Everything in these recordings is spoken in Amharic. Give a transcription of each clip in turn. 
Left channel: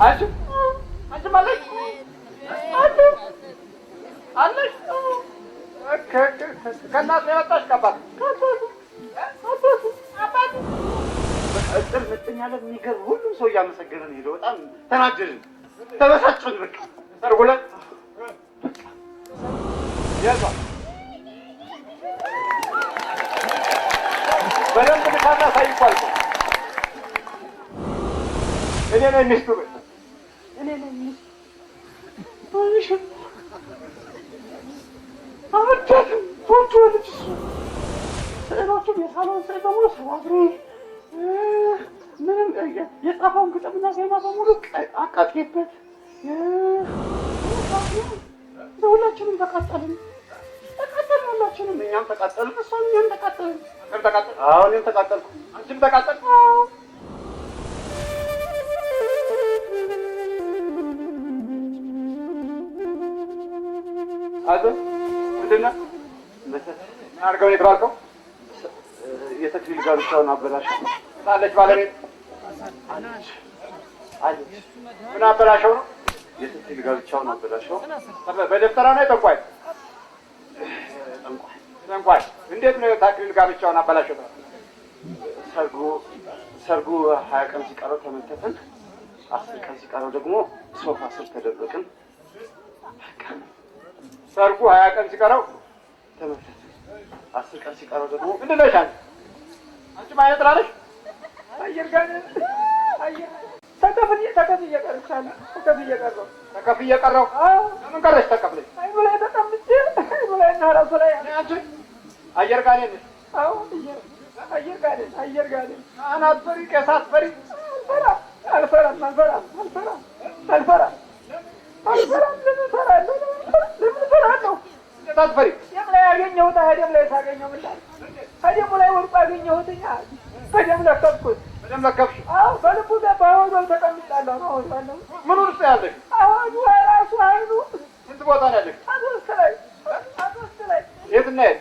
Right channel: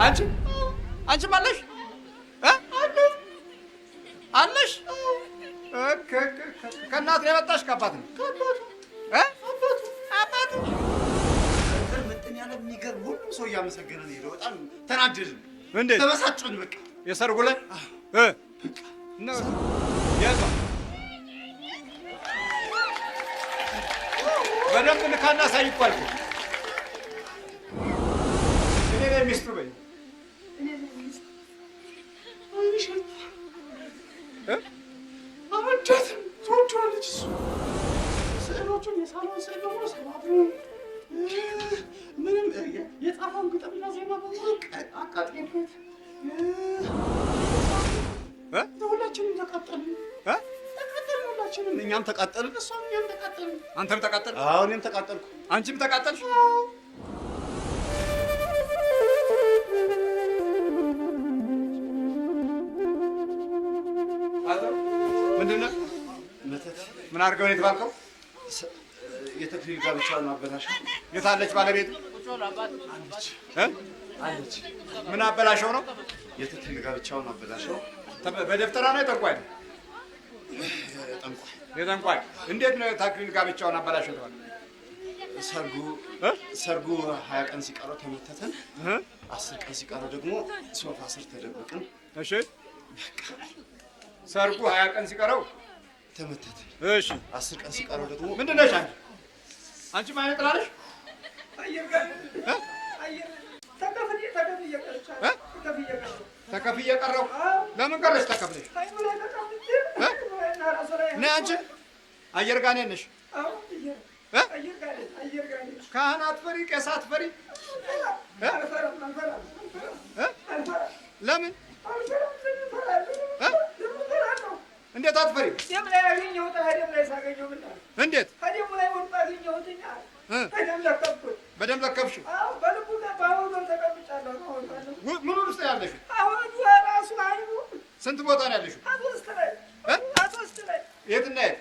አንቺ ማለሽ አለሽ ከእናት ነው የመጣሽ ከአባት ነው? አባት እጥር ምጥን ያለ የሚገርም ሁሉም ሰው እያመሰገነ ነው የሄደው። በጣም ተናደድን፣ እንዴት ተበሳጨን። በቃ የሰርጉ ዕለት በደንብ ልካና ሳይኳል እኔ ነኝ ሚስቱ እኔ ነኝ ሚስቱ አወዳትም ትወጂዋለች። እሱ ስዕሎቹን የሳሎን ስዕል በሙሉ ሰባት ምንም የጻፈውን ግጥምና ዜማ በሙሉ አቃጥጌበት ሁላችንም ተቃጠልን። ሁላችንም እኛም ተቃጠልን፣ እሷም እኛም ተቃጠልን። አንተም ተቃጠልክ? አዎ እኔም ተቃጠልኩ። አንቺም ተቃጠልሽ? አቶ ምንድን ነው መተት ምን አድርገው ነው የተባልከው? የተክሊል ጋብቻውን አበላሸው። የት አለች ባለቤት? አለች። ምን አበላሸው ነው? የተክሊል ጋብቻውን አበላሸው። በደፍተራ ነው የጠንቋይ? የጠንቋይ። እንዴት ነው የተክሊል ጋብቻውን አበላሸው? ሰርጉ 20 ቀን ሲቀረው ተመተተን። 10 ቀን ሲቀረው ደግሞ ሶፋ ስር ተደበቅን። እሺ ሰርጉ 20 ቀን ሲቀረው ተመተተ። እሺ 10 ቀን ሲቀረው ደግሞ ምንድን ነሽ አንቺ ማለት ጥላለሽ? አየር ጋር አየር ተከፍዬ ቀረሁ። ተከፍዬ ቀረሁ? ለምን ቀረሽ ተከፍለሽ? አይኑ ላይ ተቀምጬ አይኑ ላይ እና ራሱ ላይ ነይ አንቺ አየር ጋር ነሽ? አዎ አየር ጋር ነኝ። ካህን አትፈሪ? ቄስ አትፈሪ? አልፈራም። ለምን አልፈራም? ለምን እፈራለሁ? እንዴት አትፈሪ? ደም ላይ ያገኘሁት ደም ላይ ሳገኘው ምን ላድርግ? እንዴት ከደሙ ላይ ወድቆ አገኘሁትኛ በደም ለከፍኩት። በደም ለከፍሽ? አዎ በልቡ በአወዛው ተቀምጫለሁ። አሁን ባለው ምን ውስጥ ያለሽ? አሁን ራሱ አይኑ ስንት ቦታ ነው ያለሽ? አሶስት ላይ የት እና የት?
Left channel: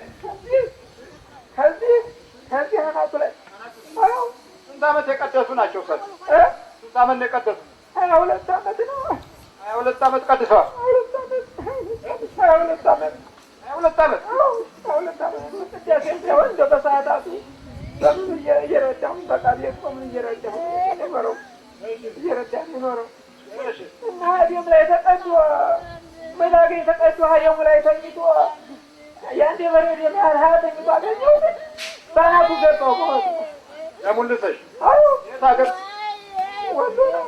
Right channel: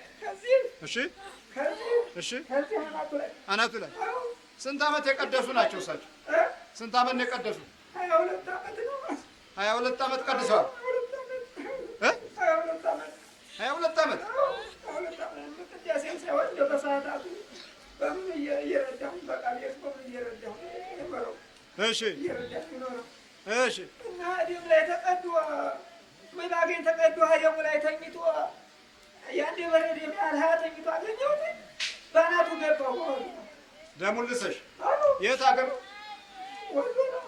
ከዚህ አናቱ ላይ። ስንት ዓመት የቀደሱ ናቸው? ስንት ዓመት ነው የቀደሱ? 22 ዓመት ነው። 22 ዓመት ቀድሰዋል። 22 ዓመት 22 ዓመት ቅዳሴ ሳይሆን እንደው በሰዓታቱ በምን እየረዳሁ በቃ ቤት ቆምን እየረዳሁ ኖረው እየረዳሁ ኖረው እና ደም ላይ ተቀዶ መላገኝ ተቀዶ ደሙ ላይ ተኝቶ የአንድ የበረድ የሚያህል 20 ተኝቶ አገኘሁት። በአናቱ ገባሁ ማለት ነው። ደሙን ልሰሽ? የት ሀገር? ወሎ ነው።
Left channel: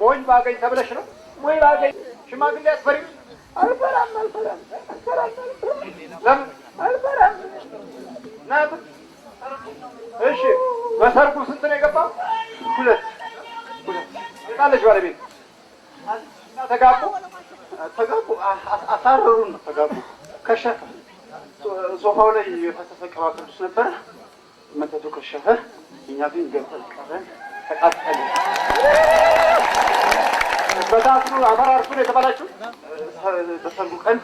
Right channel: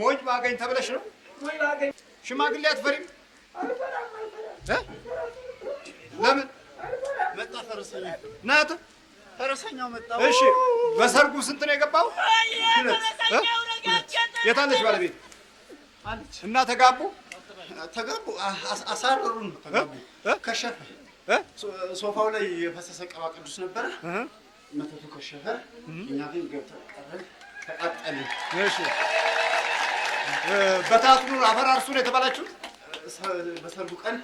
ሞኝ ባገኝ ተብለሽ ነው? ሞኝ ባገኝ። ሽማግሌ አትፈሪም? አልፈራም። ለምን አልፈራም? ናት እሺ። በሰርጉ ስንት ነው የገባው? 2 የታለች ባለቤት? እና ተጋቡ? አሳረሩን። ተጋቡ። ከሸፈ ሶፋው ላይ የፈሰሰ ቅባ ቅዱስ ነበረ። መተቱ ከሸፈ። እኛ ግን ገብተን ቀረን፣ ተቃጠልን። በታትኑ አፈራርሱ ነው የተባላችሁት? በሰርጉ ቀን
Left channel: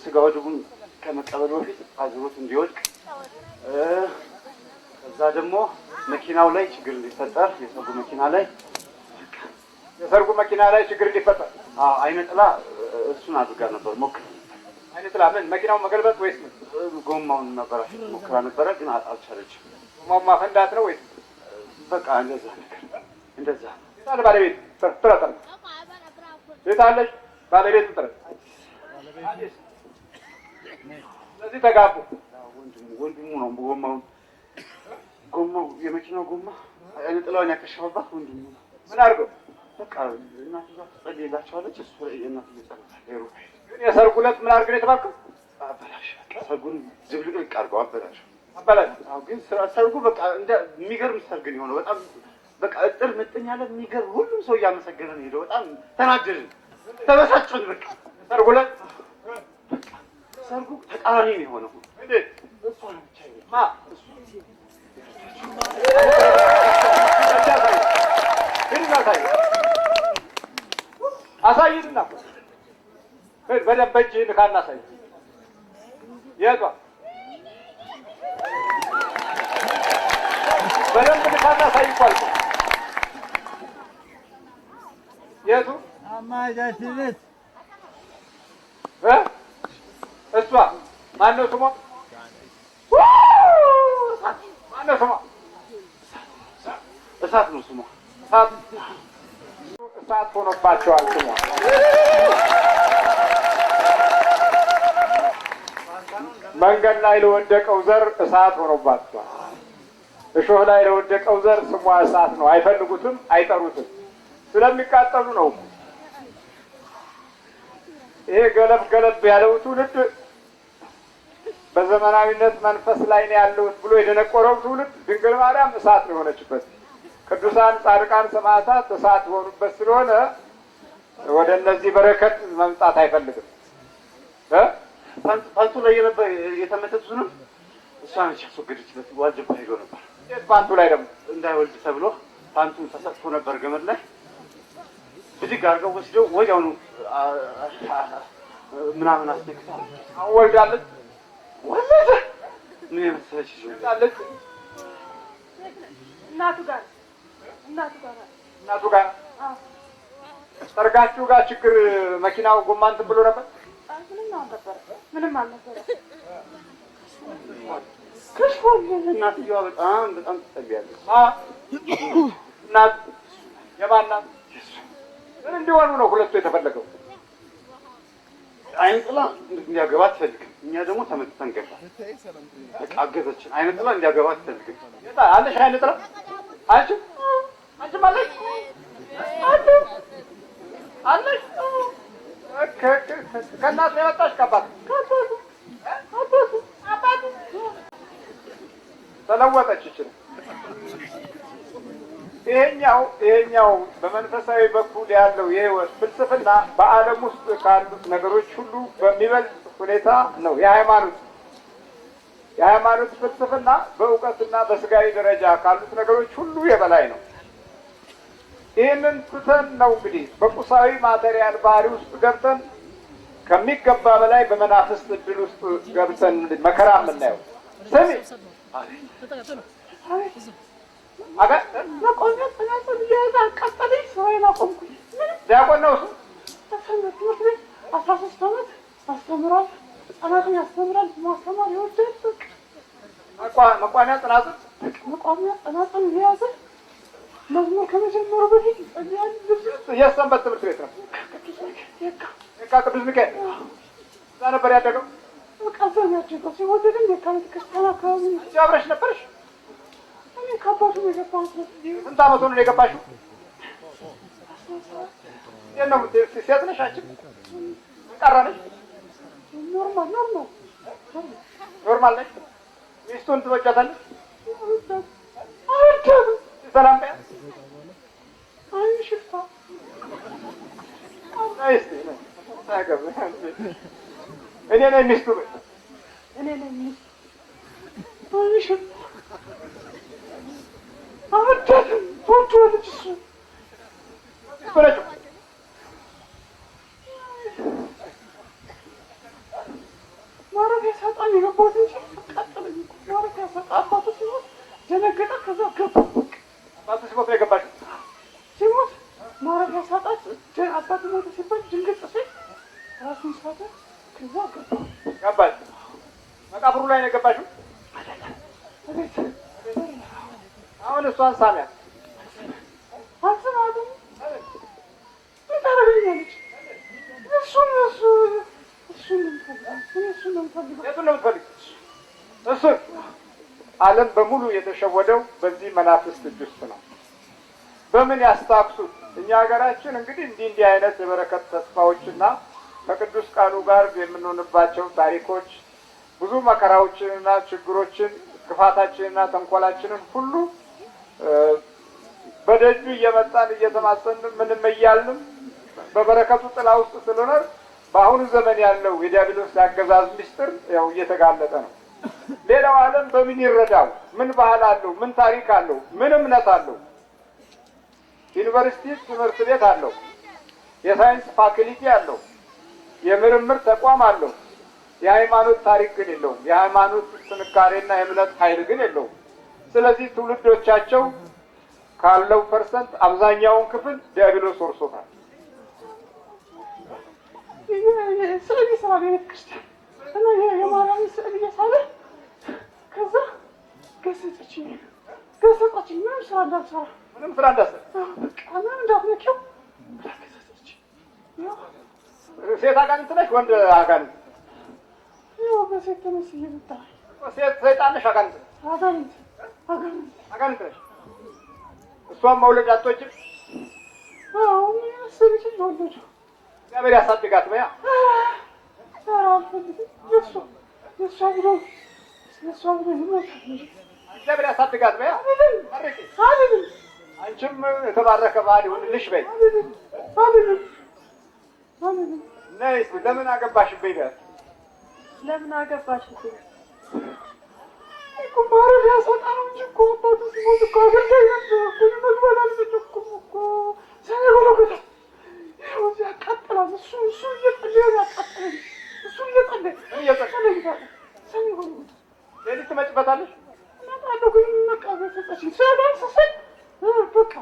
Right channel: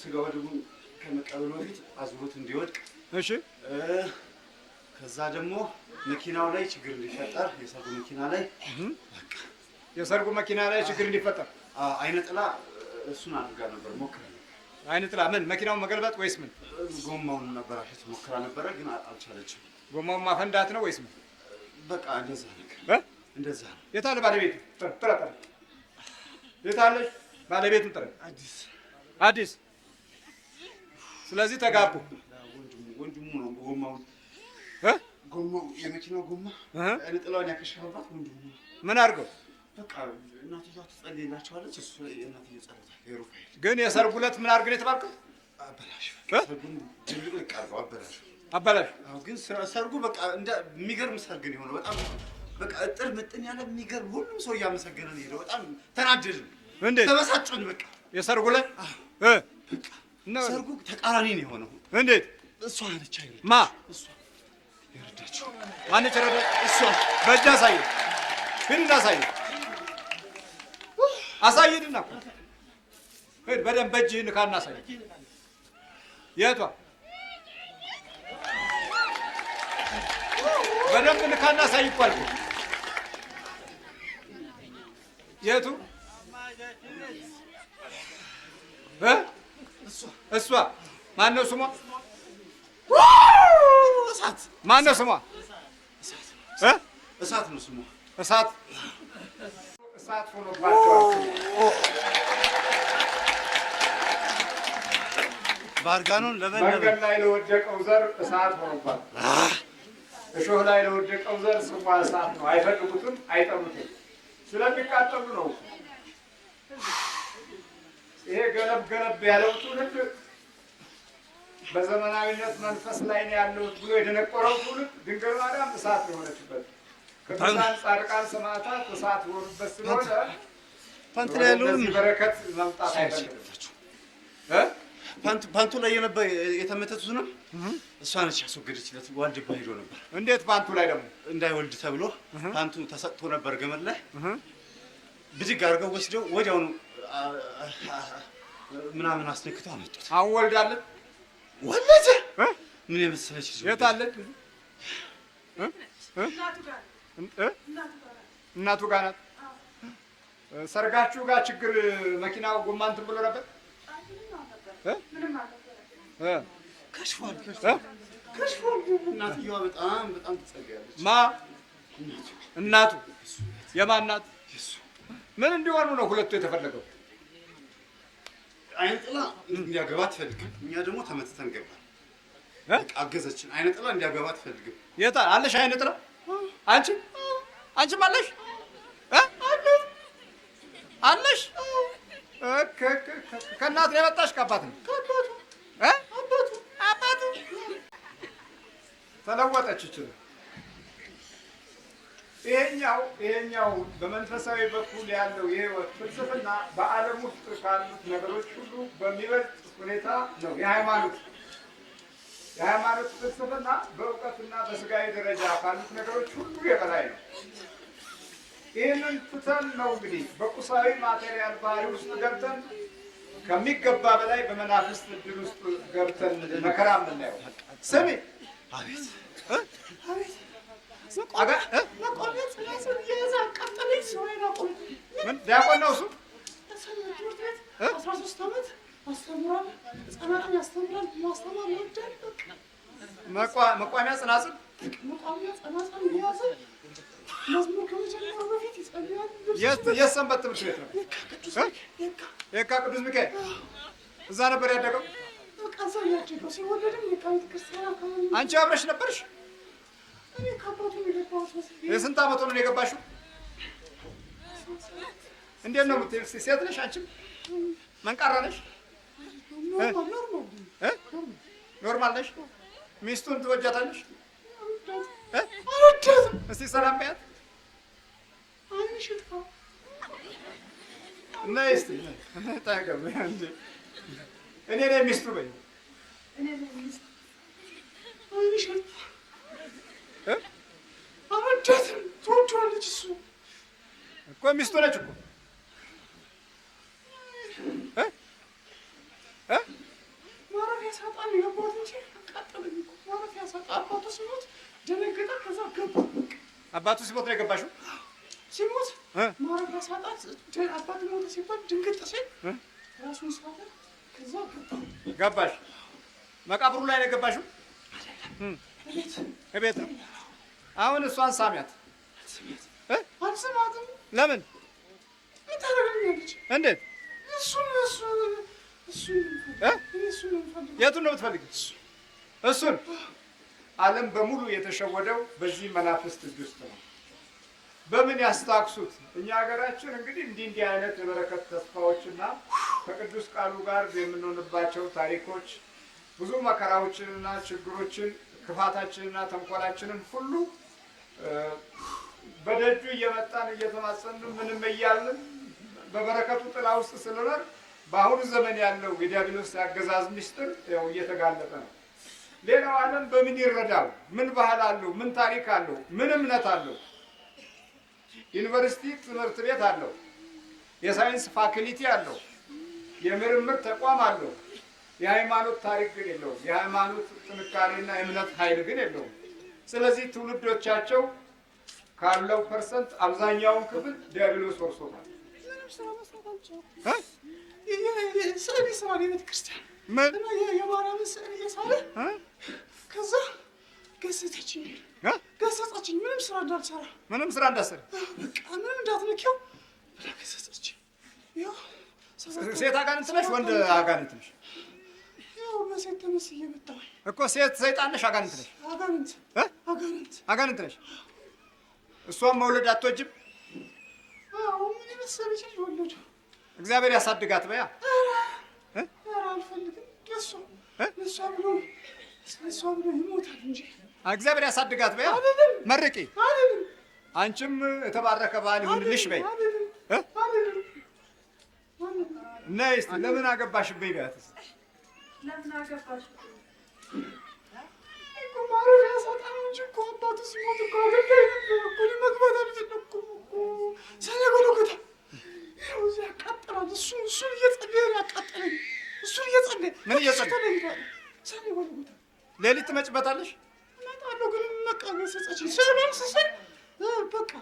ስጋው ደሙን ከመቀበሉ በፊት አዙሮት እንዲወድቅ። እሺ ከዛ ደግሞ መኪናው ላይ ችግር እንዲፈጠር የሰርጉ መኪና ላይ ችግር እንዲፈጠር አይነ ጥላ እሱን አድርጋ ነበር። ሞክራ አይነ ጥላ ምን? መኪናውን መገልበጥ ወይስ ምን? ጎማውን ነበር ሞክራ ነበረ፣ ግን አልቻለችም። ጎማውን ማፈንዳት ነው ወይስ ምን? በቃ እንደዛ ነገር እንደዛ። የት አለ ባለቤቱ? ጥራ የት አለች ባለቤቱ? ጥራ አዲስ። ስለዚህ ተጋቡ። ወንድሙ ነው ጎማው የመኪናው ጎማ አይነ ጥላውን ያከሸፈባት ወንድሙ ነው። ምን አድርገው? በቃ እናትየዋ ትጸልይላቸዋለች። እሱ የእናትየው ጸሎት ሩፋኤል። ግን የሰርጉ ዕለት ምን አድርገን የተባልከው? አበላሽ። ሰርጉን ድብልቅልቅ አድርገው አበላሽ። ግን ሰርጉ በቃ የሚገርም ሰርግ ነው የሆነው። በጣም በቃ እጥር ምጥን ያለ የሚገርም ሁሉም ሰው እያመሰገነ ነው የሄደው። በጣም ተናደድን፣ ተበሳጨን። በቃ የሰርጉ ዕለት ሰርጉ ተቃራኒ ነው የሆነው። እንዴት? እሷ ነች አይደል? ማ እሷ የረዳችው በእጅ አሳየው፣ ግን አሳይድና በደንብ በእጅህ ንካና አሳይ። የቷ? በደንብ ንካና አሳይ እኮ አልኩህ። የቱ አማቻችን ቤት እሷ ማነው ስሟ? እሳት ማነው ስሟ? እሳት ነው ስሟ። እሳት ሆኖባቸዋል ስሟ። መንገድ ላይ ለወደቀው ዘር እሳት ሆኖባቸዋል። እሾህ ላይ ለወደቀው ዘር ስሟ እሳት ነው። አይፈልጉትም፣ አይጠሩትም። ስለሚቃጠሉ ነው። ይሄ ገለብ ገለብ ያለው ትውልድ በዘመናዊነት መንፈስ ላይ ነው ያለሁት ብሎ የደነቆረው ትውልድ ድንግል ማርያም እሳት ነው የሆነችበት። ቅዱሳን ጻድቃን ሰማዕታት እሳት የሆኑበት ስለሆነ ወደ እነዚህ በረከት መምጣት አይፈልግም። ፓንቱ ላይ የተመተቱንም እሷ ነች ያስወገደችለት። ዋልድባ ሄዶ ነበር። እንዴት ፓንቱ ላይ ደግሞ እንዳይወልድ ተብሎ ፓንቱ ተሰጥቶ ነበር ገመድ ላይ ብድግ አድርገው ወስደው ወዲያውኑ ምናምን አስነክተው አመጡት። አሁን ወልዳለን። ወለደ። ምን የመሰለች የት አለች? እናቱ ጋር ሰርጋችሁ ጋር ችግር መኪናው ጎማ እንትን ብሎ ነበር። ምንም አልነበረም። ከሽፏል። እናትየዋ በጣም ትጸልያለች። እናቱ የማን ናት? ምን እንዲሆኑ ነው ሁለቱ የተፈለገው? አይነ ጥላ እንዲያገባ አትፈልግም። እኛ ደግሞ ተመትተን ገባ። አገዘችን። አይነ ጥላ እንዲያገባ አትፈልግም። የት አለሽ አይነ ጥላ? አንቺ አለሽ አለሽ? ከእናት ነው የመጣሽ? ከአባት ነው? አባቱ ተለወጠች ይችላል። ይሄኛው በመንፈሳዊ በኩል ያለው የህይወት ፍልስፍና በዓለም ውስጥ ካሉት ነገሮች ሁሉ በሚበልጥ ሁኔታ ነው። የሃይማኖት ፍልስፍና በእውቀትና በስጋዊ ደረጃ ካሉት ነገሮች ሁሉ የበላይ ነው። ይህንን ትተን ነው እንግዲህ በቁሳዊ ማቴሪያል ባህሪ ውስጥ ገብተን ከሚገባ በላይ በመናፍስት እድል ውስጥ ገብተን መከራ የምናየው። ስሚ መቆሚያ ጽናጽል እየያዘ አቃጠለኝ። ስራዬን አቆምኩኝ። ዲያቆን ነው እሱ። ሰንበት ትምህርት ቤት 13 ዓመት ያስተምራል። ህፃናትን ያስተምራል። ማስተማር ይወዳል። መቋሚያ ጽናጽል እየያዘ መዝሙር ከመጀመሩ በፊት ይጸልያል። የት ሰንበት ትምህርት ቤት ነው? የካ ቅዱስ ሚካኤል። እዛ ነበር ያደገው። በቃ እዛው ያደገው። ሲወለድም የካ ቤተክርስቲያን አካባቢ። አንቺ አብረሽ ነበርሽ? እኔ ከአባቱ ነው የገባሁት። የስንት ዓመት ነው የገባሽው? እንዴት ነው ሴት ነሽ አንቺ? መንቃራ ነሽ? ኖርማል ነሽ? ሚስቱን ትወጃታለሽ? እስቲ ሰላም በያት። ነይ እስቲ ታገብ። እኔ ነኝ ሚስቱ በይ። እኔ ነኝ ሚስቱ። አልወዳትም። ትወጂዋለች። እሱ እኮ ሚስቱ ነች። ማረፊያ ሳጣ ነው የገባሁት እንጂ አቃጠለኝ እኮ። ማረፊያ ሳጣ አባቱ ሲሞት ደነገጠ። ከዛ ገባ። አባቱ ሲሞት ነው የገባሽው? ሲሞት ማረፊያ ሳጣ አባቱ ሞተ ሲባል ድንግጥ ሲል ራሱን ሳተ። ከዛ ገባሽ? መቃብሩ ላይ ነው የገባሽው? እቤት። አሁን እሷን ሳሚያት። አልሰማትም። ለምን? ምን ታደርግልኛለች? እንዴት? እሱን ነው የምፈልገው። የቱን ነው የምትፈልጊው? እሱን። ዓለም በሙሉ የተሸወደው በዚህ መናፍስት እጅ ውስጥ ነው። በምን ያስታክሱት? እኛ ሀገራችን እንግዲህ እንዲህ አይነት የበረከት ተስፋዎችና ከቅዱስ ቃሉ ጋር የምንሆንባቸው ታሪኮች ብዙ መከራዎችንና ችግሮችን ክፋታችንና ተንኮላችንን ሁሉ በደጁ እየመጣን እየተማጸንን ምንም እያልንም በበረከቱ ጥላ ውስጥ ስለኖር በአሁኑ ዘመን ያለው የዲያብሎስ አገዛዝ ምስጢር ያው እየተጋለጠ ነው። ሌላው ዓለም በምን ይረዳው? ምን ባህል አለው? ምን ታሪክ አለው? ምን እምነት አለው? ዩኒቨርሲቲ ትምህርት ቤት አለው። የሳይንስ ፋክልቲ አለው። የምርምር ተቋም አለው። የሃይማኖት ታሪክ ግን የለውም። የሃይማኖት ጥንካሬና የእምነት ኃይል ግን የለውም። ስለዚህ ትውልዶቻቸው ካለው ፐርሰንት አብዛኛውን ክፍል ዲያብሎስ ወርሶታል። ስዕል ይስራል የቤተ ክርስቲያን እና የማርያምን ስዕል እየሳለ ከዛ ገሰጸችኝ። ምንም ስራ እንዳልሰራ ምንም እንዳትነኪው ብላ ገሰጸችኝ። ሴት አጋንንት ነሽ ወንድ አጋንንት ነሽ? ያው በሴት ተመስዬ መጣሁ እኮ። ሴት ሰይጣን ነሽ አጋንንት ነሽ? አጋንንት ነሽ። እሷን መውለድ አትወጂም? አዎ ምን የመሰለች ልጅ ወለድኩ። እግዚአብሔር ያሳድጋት በያ። ኧረ አልፈልግም። ለእሷ ብሎ ይሞታል እንጂ እግዚአብሔር ያሳድጋት በያ። መርቂ። አንቺም የተባረከ ባል ይሁንልሽ በይ። ነይ እስኪ ለምን አገባሽብኝ ጋር ለምን አገባሽብኝ? እኮ ማረፊያ ሳጣ ነው እንጂ እኮ አባቱ ሲሞት እኮ አገልጋይ ነበር እኮ። መግባት አልችልም እኮ ሰኔ ጎለጎታ ይኸው እዚህ ያቃጥላል። እሱ እየጸለየ ነው ያቃጠለኝ። እሱ እየጸለየ ምን እየጸለየ? ሰኔ ጎለጎታ ሌሊት ትመጭበታለሽ? እመጣለሁ ግን በቃ ገሰጸችኝ። ሲያገር ስስል በቃ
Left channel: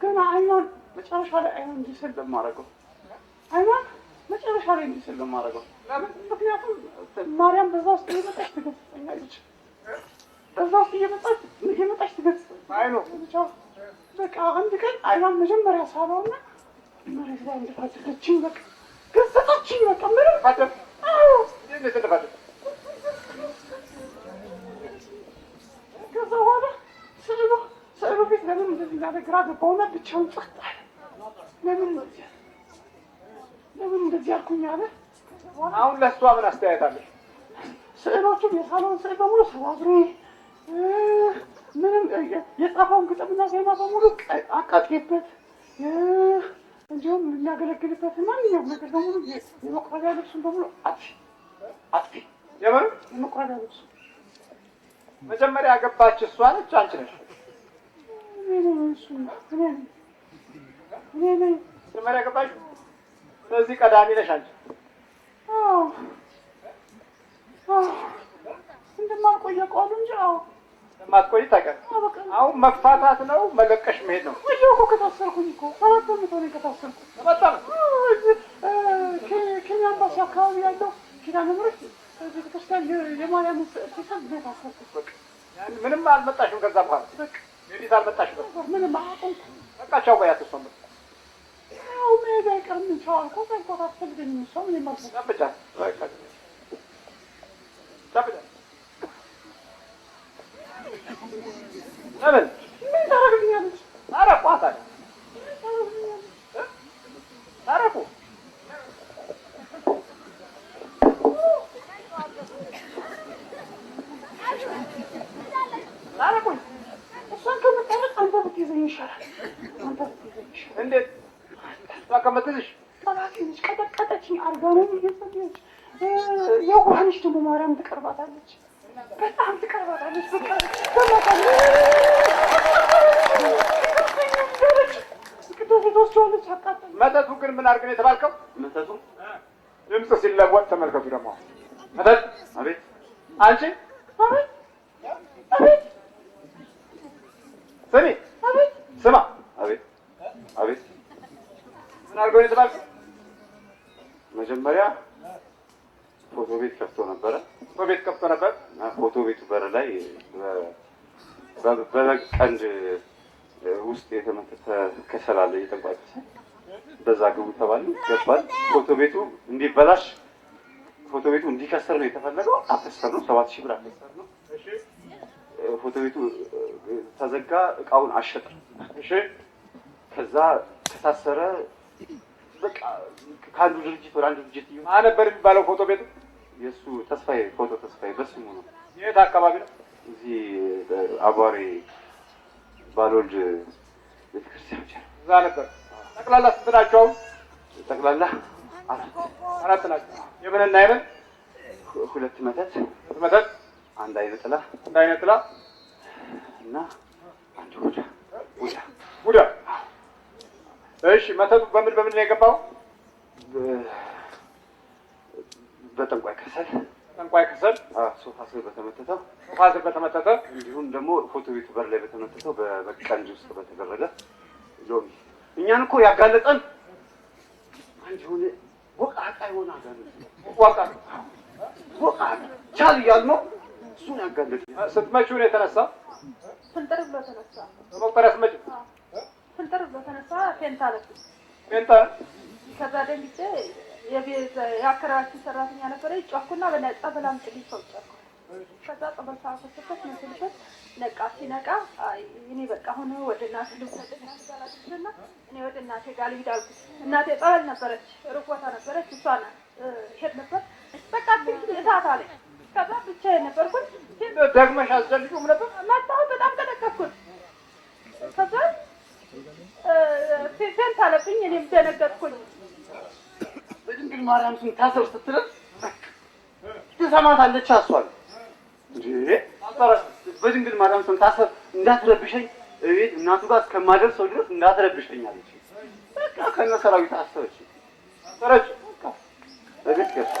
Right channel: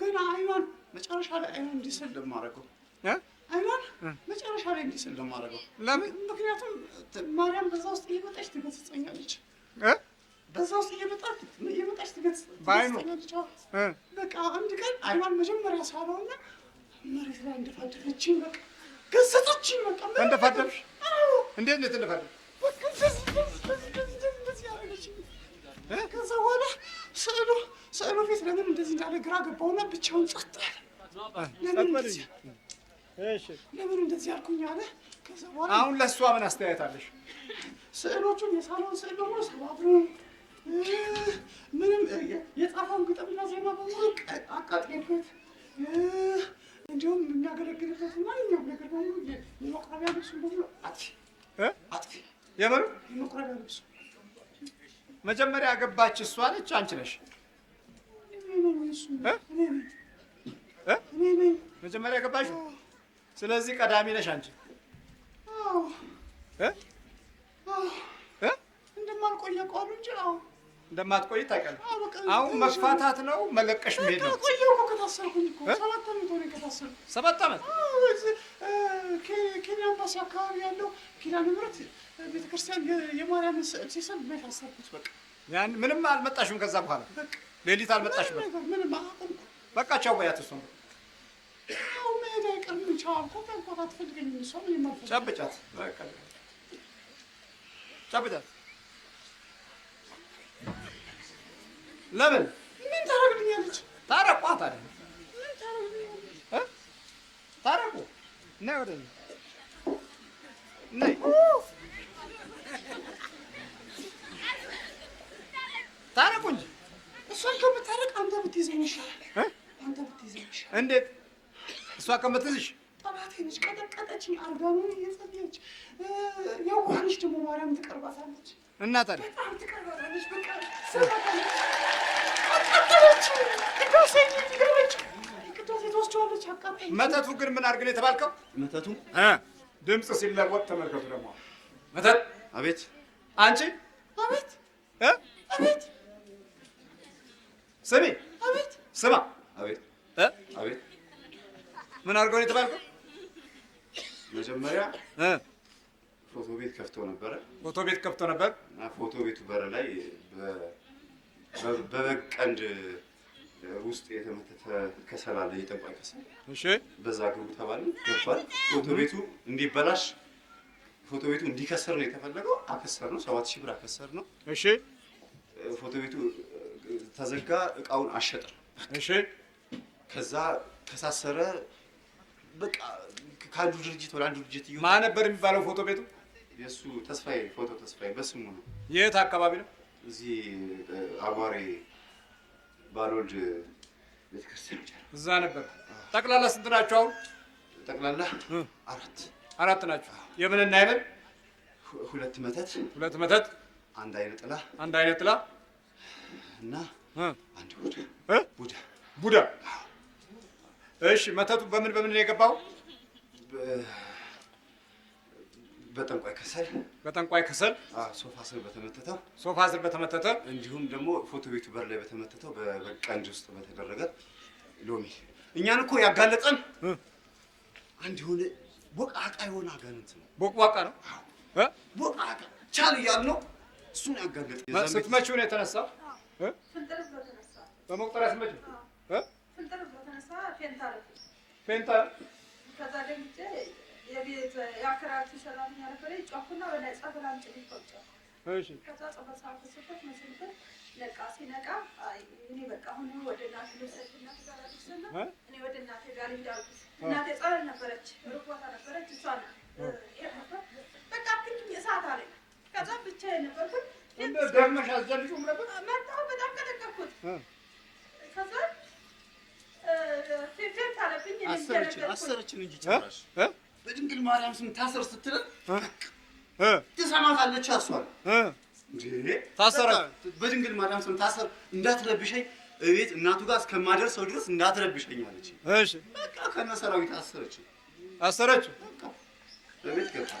ገና አይኗን መጨረሻ ላይ አይኗን እንዲሰል ለማደርገው አይኗን መጨረሻ ላይ እንዲሰል ለማደርገው። ለምን? ምክንያቱም ማርያም በዛ ውስጥ እየመጣች ትገስጸኛለች። በዛ ውስጥ እየመጣች ትገስጸኛለች። በቃ አንድ ቀን አይኗን መጀመሪያ ሳበውና መሬት ላይ እንደፋደፈችኝ በቃ ገሰጸችኝ። በቃ እንደፋደፍሽ? እንዴት ነው የተደፋደፍሽ? ከዛ በኋላ ስዕሉ ፊት ለምን እንደዚህ እንዳለ ግራ ገባውና ብቻውን ጸጥ አለ። ለምን እንደዚህ አልኩኝ አለ። አሁን ለእሷ ምን አስተያየት አለሽ? ስዕሎቹን የሳለውን ስዕል በሙሉ ሰባብሬ ምንም የጻፈውን ግጥምና ዜማ በሙሉ አቃጥሌበት እንዲሁም የሚያገለግልበት ማንኛውም ነገር በሙሉ የመቁረቢያ ልብሱን በሙሉ አጥፊ የመቁረቢያ ልብሱ። መጀመሪያ ያገባች እሷ ነች አንቺ ነሽ? እኔ ነኝ መጀመሪያ ያገባች። ስለዚህ ቀዳሚ ነሽ አንቺ። እንደማልቆይ አውቀዋለሁ እንጂ እንደማትቆይ ታውቂያለሽ። አሁን መፋታት ነው መለቀሽ መሄድ ነው። ቆየሁ እኮ ከታሰርኩኝ እኮ 7 ዓመት ሆነኝ ከታሰርኩ። 7 ዓመት? ኬንያ ኤምባሲ አካባቢ ያለው ኪዳነ ምሕረት ቤተክርስቲያን የማርያም ስዕል ሲሰል ነው የታሰርኩት። በቃ ያን ምንም አልመጣሽም። ከዛ በኋላ ሌሊት አልመጣሽም። ምንም አላውቅም። በቃ ቻው በያት። እሷን ያው መሄድ አይቀርም። ቻው ከዛ አትፈልገኝም። እሷ ምን ማለት ጨብጫት፣ በቃ ጨብጫት። ለምን ምን ታደርግልኛለች? ታረቋት አለ ታረቁ። ታረቁ እንጂ እሷን ከመታረቅ አንተ ብትይዘኝ ይሻላል። አንተ ብትይዘኝ ይሻላል። እንዴት? እሷ ከመትዝሽ ጠላቴነች፣ ቀጠቀጠችኝ። አርጋኖን እየጸለየች የዋህነች ደግሞ ማርያም ትቀርባታለች። እና ታዲያ በጣም ትቀርባታለች። በቃ መተቱ ግን ምን አድርግ ነው የተባልከው? መተቱ ድምፅ ሲለወጥ ተመልከቱ። ደግሞ መተት። አቤት አንቺ አቤት አቤት ስሚ አቤት ስማ አቤት አቤት ምን አድርገው ነው የተባልከው? መጀመሪያ ፎቶ ቤት ከፍቶ ነበረ። ፎቶ ቤት ከፍቶ ነበር እና ፎቶ ቤቱ በር ላይ በበግ ቀንድ ውስጥ የተመተተ ከሰል አለ፣ የጠንቋይ ከሰል። እሺ በዛ ግቡ ተባለ። ገባል። ፎቶ ቤቱ እንዲበላሽ፣ ፎቶ ቤቱ እንዲከሰር ነው የተፈለገው። አከሰር ነው። 7000 ብር አከሰር ነው። እሺ ፎቶ ቤቱ ተዘጋ። እቃውን አሸጠ። እሺ ከዛ ከሳሰረ። በቃ ከአንዱ ድርጅት ወደ አንዱ ድርጅት ይሁን። ማን ነበር የሚባለው ፎቶ ቤቱ? የእሱ ተስፋዬ፣ ፎቶ ተስፋዬ በስሙ ነው። የት አካባቢ ነው? እዚህ አቧሬ ባልወልድ ቤተክርስቲያን እዛ ነበር። ጠቅላላ ስንት ናችሁ አሁን? ጠቅላላ አራት ናችሁ። የምንና የምን? 2 መተት፣ 2 መተት፣ 1 አይነ ጥላ፣ 1 አይነ ጥላ እና 1 ቡዳ። ቡዳ። እሺ መተቱ በምን ነው የገባው? በጠንቋይ ከሰል። በጠንቋይ ከሰል። ሶፋ ስር በተመተተው። ሶፋ ስር በተመተተ። እንዲሁም ደግሞ ፎቶ ቤቱ በር ላይ በተመተተው በቀንድ ውስጥ በተደረገ ሎሚ። እኛን እኮ ያጋለጠን አንድ የሆነ ቦቃቃ የሆነ አጋንንት ነው። ቦቃቃ ነው። ቦቃቃ ቻል እያልነው እሱን ያጋለጥ ስትመጪው ነው የተነሳው? ፍንጥር ብሎ ተነሳ። በመቁጠሪያ ስትመጪ ፍንጥር ብሎ ተነሳ። ፌንታ አለብኝ። ፌንታ ከዛ ደንግጬ የአከራችን ሰራተኛ ነበረ። ጫኩና በነጻ በላም ጭልኝ ተውጫኩ። ከዛ ጸበል ሰዓት ተሰጠች መስልሽት ነቃ። ሲነቃ እኔ በቃ አሁን ወደ እናቴ ልውሰድ ያስጋላችና እኔ ወደ እናቴ ጋር ልሂድ አልኩት። እናቴ ጸበል ነበረች፣ ሩቅ ቦታ ነበረች። እሷን ሄድ ነበር በቃ እሳት አለኝ። ከዛ ብቻዬን ነበርኩኝ። ደግመሽ አልዘልሽውም ነበር? መጣሁ። በጣም ቀጠቀጥኩት። ከዛ ፌንት አለብኝ። እኔም ደነገጥኩኝ። በድንግል ማርያም ስም ታሰር ስትለን ትሰማታለች። አሷል ታሰረ። በድንግል ማርያም ስም ታሰር እንዳትረብሸኝ እቤት እናቱ ጋር እስከማደርሰው ድረስ እንዳትረብሸኝ አለች። እሺ በቃ ከነ ሰራዊት አሰረች። አሰረች። በቤት ገባ።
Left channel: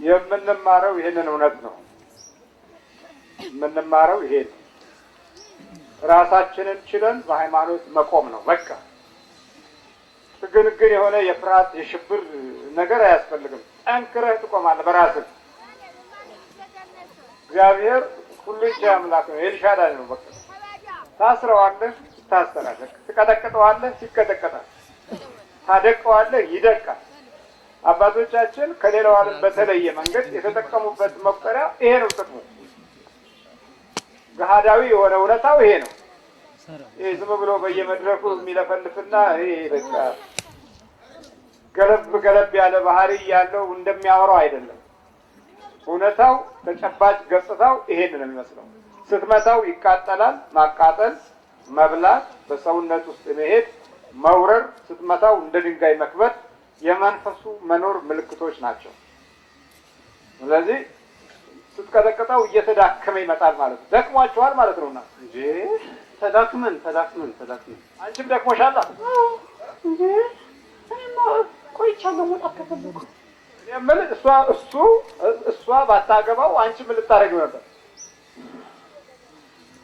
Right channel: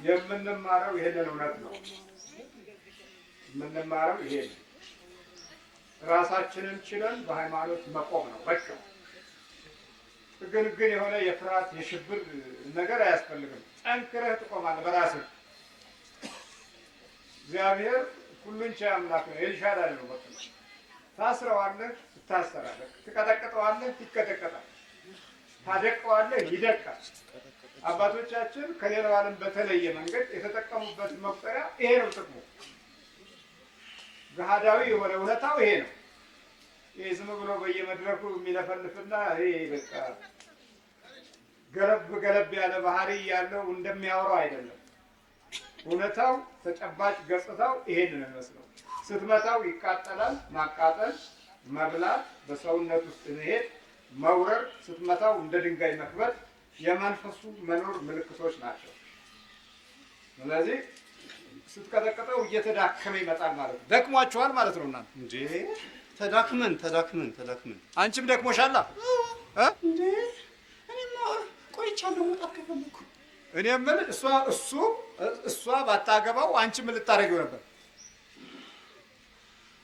የምንማረው ይሄንን እውነት ነው። የምንማረው ይሄ ነው። ራሳችንን ችለን በሃይማኖት መቆም ነው በቃ። ግን የሆነ የፍርሃት የሽብር ነገር አያስፈልግም። ጠንክረህ ትቆማለህ በራስህ። እግዚአብሔር ሁሉን ቻይ አምላክ ነው። ኤልሻዳይ ነው በቃ። ታስረዋለህ፣ ትታሰራለህ። ትቀጠቅጠዋለህ፣ ይቀጠቀጣል። ታደቀዋለህ፣ ይደቃል። አባቶቻችን ከሌላው ዓለም በተለየ መንገድ የተጠቀሙበት መቁጠሪያ ይሄ ነው ጥቅሙ። ገሃዳዊ የሆነ እውነታው ይሄ ነው። ይሄ ዝም ብሎ በየመድረኩ የሚለፈልፍና ይሄ በቃ ገለብ ያለ ባህሪ ያለው እንደሚያወራው አይደለም። እውነታው ተጨባጭ ገጽታው ይሄን ነው የሚመስለው። ስትመታው ይቃጠላል። ማቃጠል፣ መብላት፣ በሰውነት ውስጥ መሄድ፣ መውረር፣ ስትመታው እንደ ድንጋይ መክበድ የመንፈሱ መኖር ምልክቶች ናቸው። ስለዚህ ስትቀጠቅጠው እየተዳከመ ይመጣል ማለት ነው። ደክሟችኋል ማለት ነውና እንዴ ተዳክመን አንቺም ደክሞሻል እንዴ እኔማ ቆይቻለሁ። መጣ ከፈለኩ እኔ የምልህ እሷ ባታገባው አንቺ ምን ልታደርጊው ነበር?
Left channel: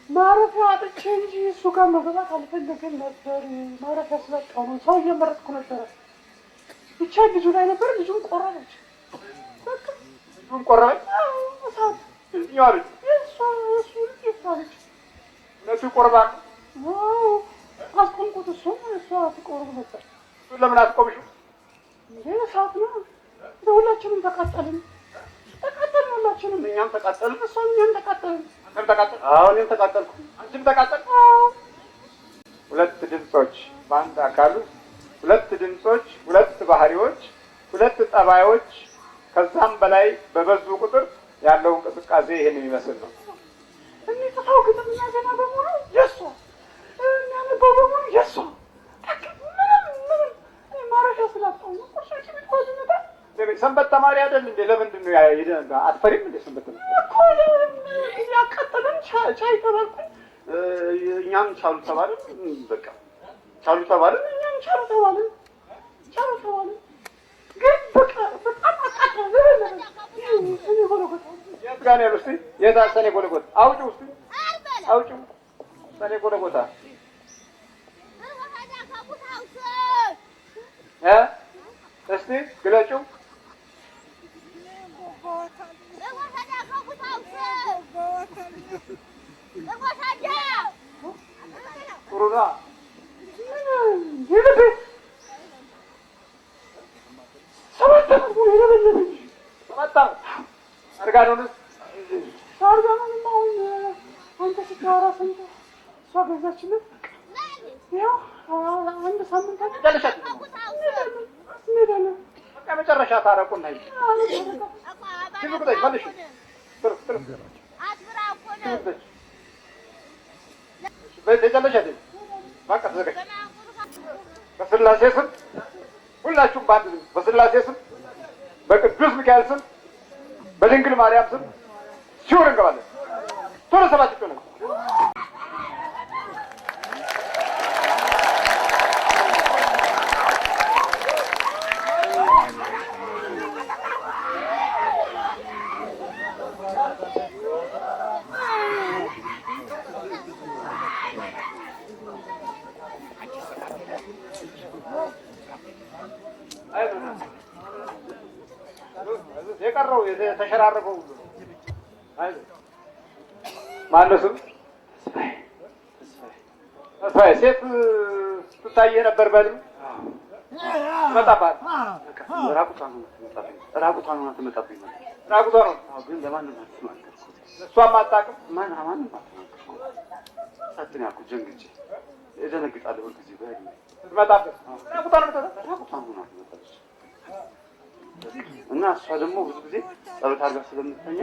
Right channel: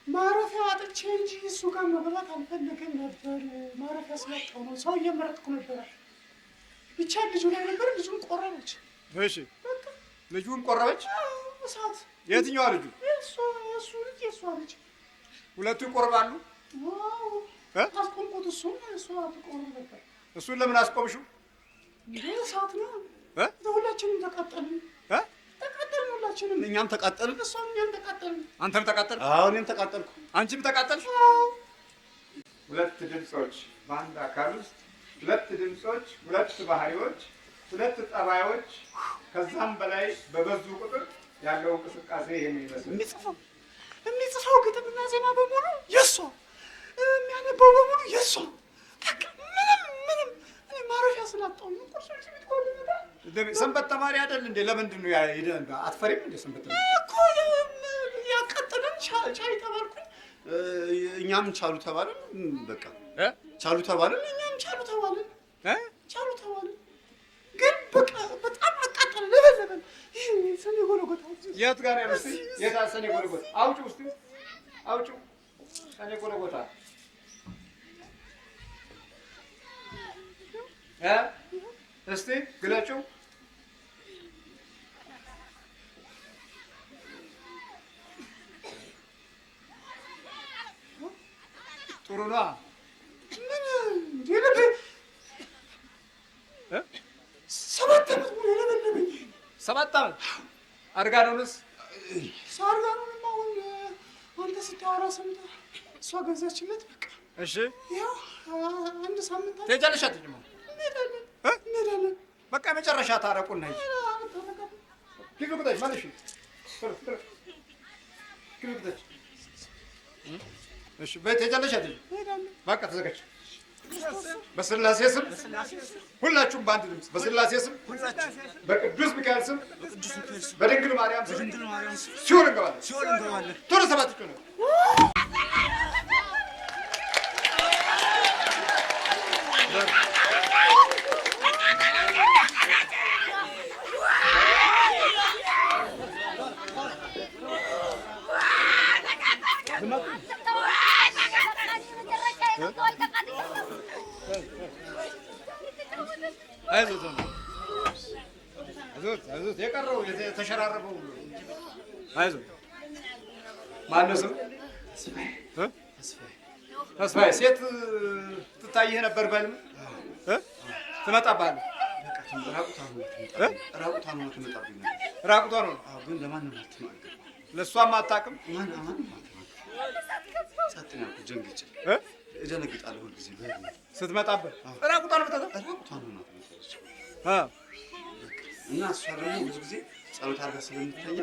ማረፊያ አጥቼ እንጂ እሱ ጋር መብላት አልፈለገም ነበር። ማረፊያ ስላጣሁ ነው። ሰው እየመረጥኩ ነበረ። ብቻ ልጁ ላይ ነበር። ልጁን ቆረበች። እሺ ልጁን ቆረበች? እሳት። የትኛዋ ልጁ? የእሷ ልጅ። ሁለቱ ይቆርባሉ? አስቆምኩት። እሷ ትቆርብ ነበር። እሱን ለምን አስቆምሽው? እሳት ነው። ሁላችንም ተቃጠልን። ተቃጠልን ሁላችንም። እኛም ተቃጠልን፣ እኛም ተቃጠልን። አንተም ተቃጠል? አዎ እኔም ተቃጠልኩ። አንቺም ተቃጠልሽ? ሁለት ድምፆች በአንድ አካል ውስጥ ሁለት ድምፆች፣ ሁለት ባህሪዎች፣ ሁለት ጠባዮች ከዛም በላይ በበዙ ቁጥር ያለው እንቅስቃሴ ይሄን የሚመስል ነው። የሚጽፈው ግጥምና ዜማ በሙሉ የእሷ፣ የሚያነበው በሙሉ የእሷ። ምንም ማረፊያ ስላጣሁ ነው። ሰንበት ተማሪ አይደል እንዴ? ለምንድን ነው አትፈሪም እንዴ? ሰንበት እኮ ያቃጠለን ቻይ ተባልኩኝ። እኛም ቻሉ ተባልን። በቃ ቻሉ ተባልን። እኛም ቻሉ ተባልን። ግን በቃ በጣም አቃጠለን። ሰኔ ጎልጎታ የት ጋር ነው ያሉት? የት ሰኔ ጎልጎታ? አውጪው እስኪ አውጪው። ሰኔ ጎልጎታ እስቲ ግለጪው። ጥሩ ነው። ሰባት ዓመት ሙሉ የለበለበኝ። 7 ዓመት አርጋኖንስ? አርጋኖንማ አሁን አንተ ስታወራ ሰምተህ እሷ ገዛችለት። በቃ እሺ ያው አንድ ሳምንት ትሄጃለሽ? እንሄዳለን። በቃ መጨረሻ ታረቁና ይሉቁጠሽ መልሽ። እሺ ትሄጃለሽ አይደል? በቃ ተዘጋጅ። በስላሴ ስም ሁላችሁም በአንድ ድምፅ በስላሴ ስም በቅዱስ ሚካኤል ስም በድንግል ማርያም ስም ሲኦል እንገባለን። ቶሎ ሰባት ነው። የቀረው የተሸራረፈው ሁሉ አይዞህ። ማነው ስም? ተስፋዬ። ሴት ትታየህ ነበር በል ትመጣብሃለህ። ራቁቷን ሆና ትመጣብኝ ነው። ራቁቷን ነው ግን ለማንም አትናገር። ለእሷም አታውቅም። ማንም አትናገር። ሳትን ያልኩህ ጀንግጬ እደነግጣለሁ ሁልጊዜ በህልሜ ስትመጣብህ። ራቁቷን ሆና ትመጣለች እና እሷ ደግሞ ብዙ ጊዜ ጸሎት አድርጋ ስለምትተኛ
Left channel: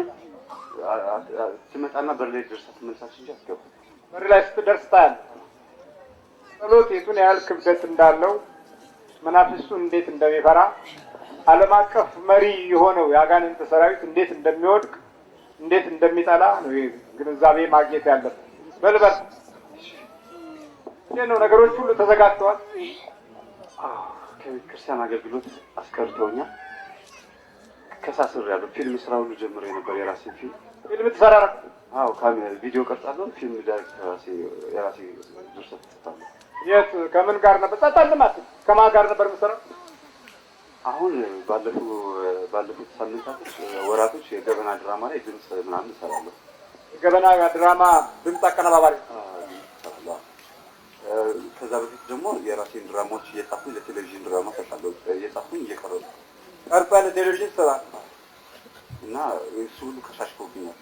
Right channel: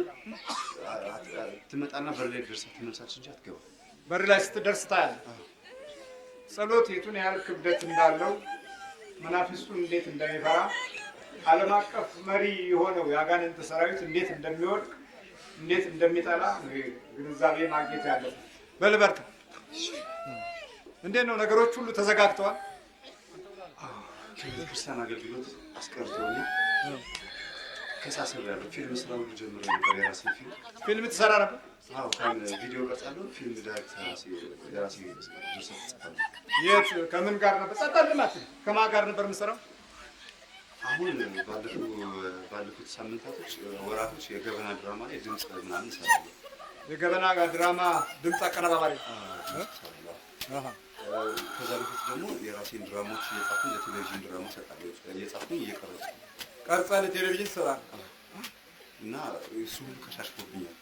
ትመጣና በር ላይ ደርሳ ትመልሳለች እንጂ አትገባም። በር ላይ ስትደርስ ታያለህ። ጸሎት የቱን ያህል ክብደት እንዳለው መናፍስቱን እንዴት እንደሚፈራ ዓለም አቀፍ መሪ የሆነው የአጋንንት ሰራዊት እንዴት እንደሚወድቅ እንዴት እንደሚጠላ ነው ግንዛቤ ማግኘት ያለበት። በልበል እንዴት ነው ነገሮች ሁሉ ተዘጋግተዋል? ከቤተ ክርስቲያን አገልግሎት አስቀርተውኛል። ከሳስሬያለሁ። ፊልም ስራ ሁሉ ጀምሬ ነበር። የራሴ ፊልም ትሰራ ነበር? አዎ፣ ቪዲዮ ቀርጻለሁ። ፊልም ዳይሬክት የራሴ ጆሰፍ ጽፋለሁ። የት ከምን ጋር ነበር? ጸጣልናት ከማን ጋር ነበር የምትሰራው? አሁን ባለፉት ሳምንታቶች ወራቶች የገበና ድራማ ላይ ድምፅ ምናምን እሰራለሁ። የገበና ድራማ ድምፅ አቀነባባሪ። ከዛ በፊት ደግሞ የራሴን ድራማዎች እየጻፍኩኝ ለቴሌቪዥን ድራማ እሰጣለሁ። እየጻፍኩኝ እየቀረጽኩ ቀርጸህ ለቴሌቪዥን ትሰራለህ እና እሱ ሁሉ ከሻሽቶብኛል።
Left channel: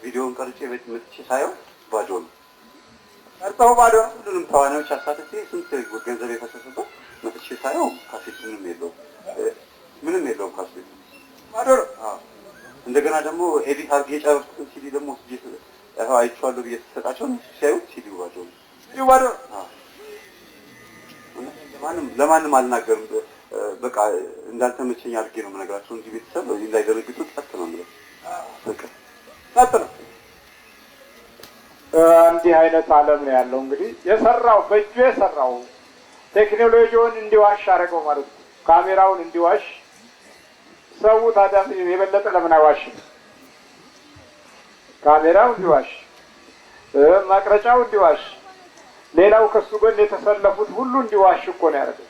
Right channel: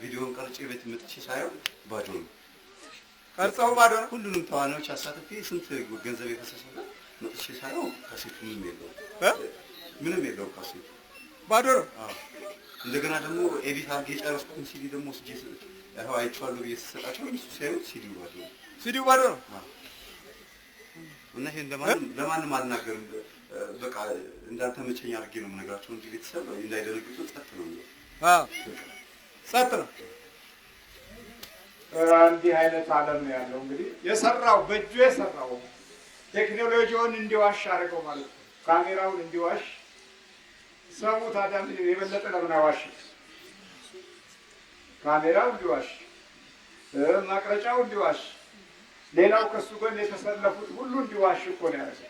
ቪዲዮውን ቀርጬ ቤት መጥቼ ሳየው ባዶ ነው። ቀርጸው ባዶ ነው። ሁሉንም ተዋናዮች አሳትፌ ስንት ገንዘብ የፈሰሰበት መጥቼ ሳየው ካሴት ምንም የለውም ካሴቱ ባዶ ነው። እንደገና ደግሞ ኤዲት አድርጌ የጨረስኩትን ሲዲ ደግሞ አይቼዋለሁ ብዬ ስሰጣቸው ሲያዩት ሲዲው ባዶ ነው። ሲዲው ባዶ ነው። እውነቴን ለማንም አልናገርም። በቃ እንዳልተመቸኝ አድርጌ ነው የምነግራቸው እንጂ ቤተሰብ እንዳይደነግጡ ጸጥ ነው የምለው። ጸጥ ነው። እንዲህ አይነት ዓለም ነው ያለው። እንግዲህ የሰራው በእጁ የሰራው ቴክኖሎጂውን እንዲዋሽ አደረገው ማለት ነው። ካሜራውን እንዲዋሽ ሰው ታዲያ የበለጠ ለምን አይዋሽም? ካሜራው እንዲዋሽ፣ መቅረጫው እንዲዋሽ፣ ሌላው ከሱ ጎን የተሰለፉት ሁሉ እንዲዋሽ እኮ ነው ያደረገው።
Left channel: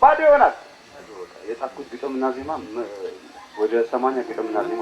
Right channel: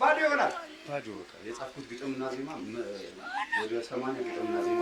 ባዶ ይሆናል። የጻፍኩት ግጥምና ዜማ ወደ 80 ግጥምና ዜማ